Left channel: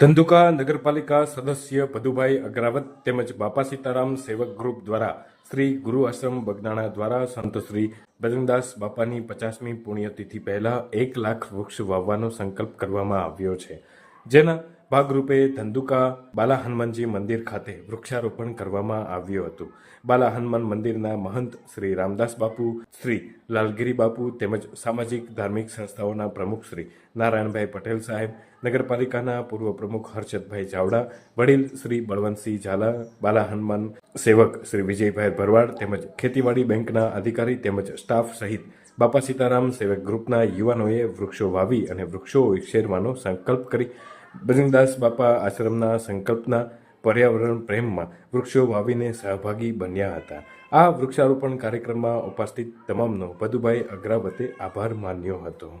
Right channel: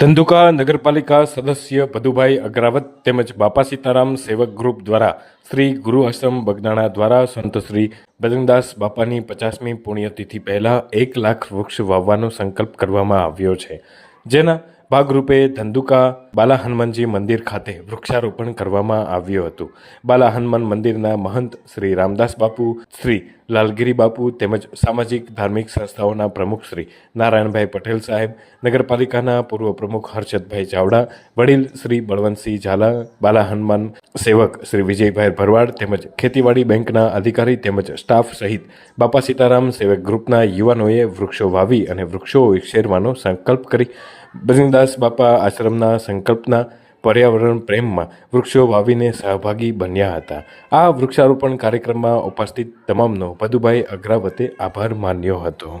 ધંધુકા નગરપાલિકા સદસ્ય ભદુભાઈ અગ્રાવત તેમજ બાપા સીતારામ સેવક ગ્રુપ દ્વારા શ્રી ગુરુ આશ્રમ બગદાણા દ્વારા સંત શ્રી બજરંગદાસ બાપાની પચાસમી પુણ્યતિથિ પહેલાં એક લાખ વૃક્ષ વાવવાનો સંકલ્પ કરવામાં આવ્યો છે. જેના ભાગરૂપે ધંધુકા બાલા હનુમાનજી મંદિર ખાતે વૃક્ષારોપણ કરવામાં આવ્યું હતું. બાલા હનુમાન મંદિરના મહંત શ્રી રામદાસ બાપુ, શ્રી લાલગીરી બાપુ તેમજ સામાજિક, ધાર્મિક સંસ્થાઓના પ્રમુખ શ્રી નારાયણભાઈ પટેલ સાહેબ, નગરપાલિકાના પૂર્વ પ્રમુખ હર્ષદભાઈ ચાવડા, વડીલ શ્રી બળવંતસિંહ ઝાલા બાલા હનુમાન સેવક શ્રી વિજયભાઈ ભરવાડ તેમજ ખેતીવાડી બેંકના અધિકારી તેમજ સ્ટાફ સહિત બાપા સીતારામ સેવક ગ્રુપના યુવાનોએ વૃક્ષો વાવી અને વૃક્ષો ઉછેરવાનો સંકલ્પ કરી બજરંગદાસ બાપા આશ્રમના સંકલ્પના પર્યાવરણ પ્રેમમાં વૃક્ષો વાવીને સહભાગી બન્યા હતા. આ વૃક્ષારોપણ કાર્યક્રમમાં ઉપસ્થિત તમામનો. પદુભાઈ અગ્રાવતે આભાર માન્યો હતો.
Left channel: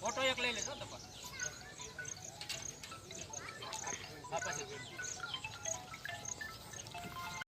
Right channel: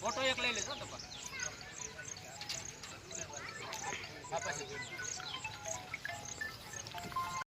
ફોટો એક લઈ લેજો તો પછી.